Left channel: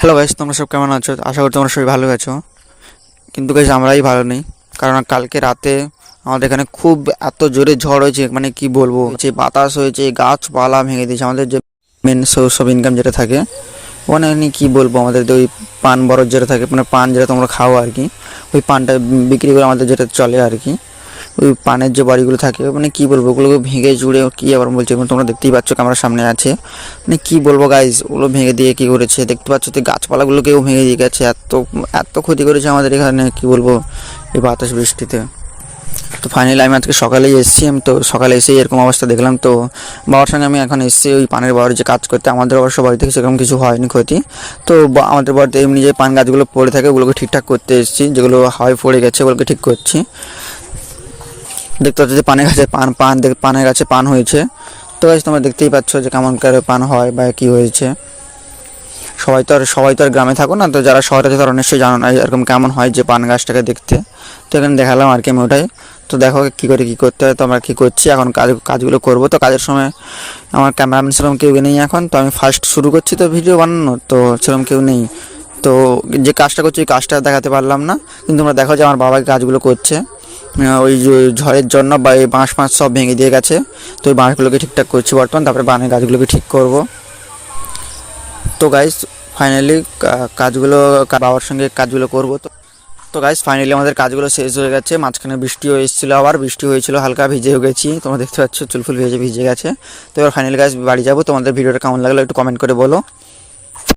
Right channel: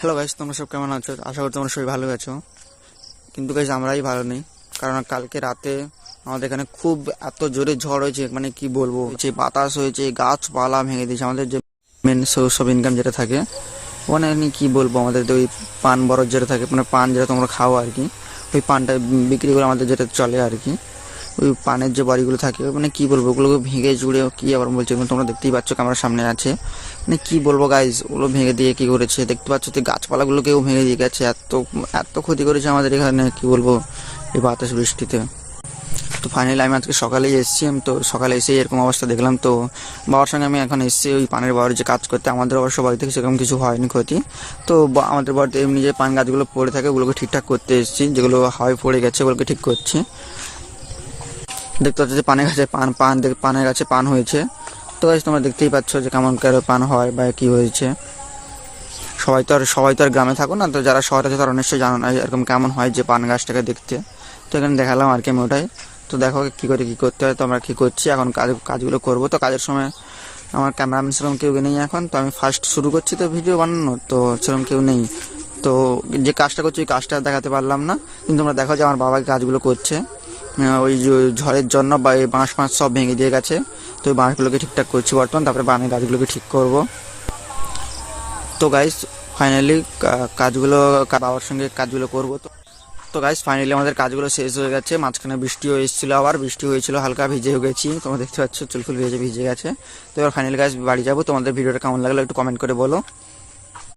Hello guys তোমরা সব কেমন আছো? আশা করি তোমরা সবাই ভালো আছো। কিন্তু গাইস আমরাই ভালো নেই। কারণ কালকে রাতে আমাদের এখানে খুব এত জোরে ঝড় হয়েছে মানে কি বলব? যে বাতাস হয়েছে, গাছপালা ভেঙে দিয়েছে, আমাদের যে মেন সোর্স অফ ইনকাম যেটা থাকে ওখানে কি বলব, আমাদের ওই পান বরফ যেটা থাকে মানে পান যেটা তোমরা খাও আর কি, ওই পানটা বিক্রি করে আমাদের যেটা চলে আর কি। ওই পানের যে বাড়িগুলো থাকে মানে কি বলব, ওগুলোকে ভেঙে জুড়ে কি আবার বলছে এবং তোমরা দেখতেই পাচ্ছ ক্যামেরার সামনে আছে। মানে কি বলব গাইজ ওগুলো ভেঙে দিয়ে কি করেছে? দেখতে পাচ্ছ তো গাছপালাগুলোকেও ভেঙে দিয়ে গেছে, এত এত ক্ষতি করেছে আমাদের এখানে, কি বলব, এই বাতাস বৃষ্টিতে। তো ফাইনালি আমি আজকে সকালেই এসেছি, আমি তো সকালে এসে এরকম অবস্থা দেখলাম তো, বাবার সঙ্গে আমি এখন এসেছি ওই পানের বাবার যে কাজ করতে, আমাদের অবশ্য বাড়ি থেকে সেরকম কিছু হয়নি ক্ষতি। তো আমাদের বাড়িতে এমনি যে পান গাছগুলো পড়ে থাকে, ওগুলোকে ঠিকঠাক করতে এসেছি, যেগুলো হয় পড়ে গেছে, ওগুলোকে ঠিক করছি। দেখতে পাচ্ছ যে পানের গাছে পান পান পানের গাছে পান হয়েছে। তো guys, তোমরা দেখতেই পাচ্ছ যে কেমন করে পান হয় বা কি হয়েছে। সবাই তো আর, সবাই তো আর গ্রামে থাকো না, তো যারা শহরে আছে তারা নিশ্চয়ই জানো না এরকম কেমন হয় যে পান গাছটাকে দেখতে। তো এখানে দেখালাম আর কি আমি ওটাই। তো দেখো কী করে, কী করতে হয়, তো আমরা কী করছি, এখন কাজ, কাজগুলো করব। তো কাজের সময় আমার ক্যামেরাম্যান সেরকম কেউ নেই এখন, তো আমি ফার্স্ট শুরু করছি তো ভিডিও বানানো, তো সেরকম কেউ নেই। তো যে কাজটা করছি, ওই কাজটা দেখাতে পারলাম না। কিন্তু তোমরা দেখো যে আমার বাবা কাজগুলো করছে। ওই ঝড়ের জন্য বা এই বাঁশ ফাঁস সব ভেঙে দিয়ে গেছে। তো ওই বাঁশগুলোকে ঠিকঠাক করছি বর্তমান, তারপরে বানের গাছগুলোকে ঠিক করব। তো গাইস ফাইনালি কাজগুলো বাবার সঙ্গে কাজগুলো করব। তো তো গাইস ফাইনালি আমাদের কাজগুলো শেষ হয়ে গেছে। মাঝখানে বৃষ্টিও এসেছিল আবার, বৃষ্টি হয়েছিল, হালকা ভিজেও গেছি। তোমরা দেখতে পাচ্ছ চুলফুল ভিজে ভিজে গেছে। তো এবার ফাইনালি গাইস বাড়ি যাব। তোমাদের ভিডিওটা কেমন লাগল একটু কমেন্ট করে বলো।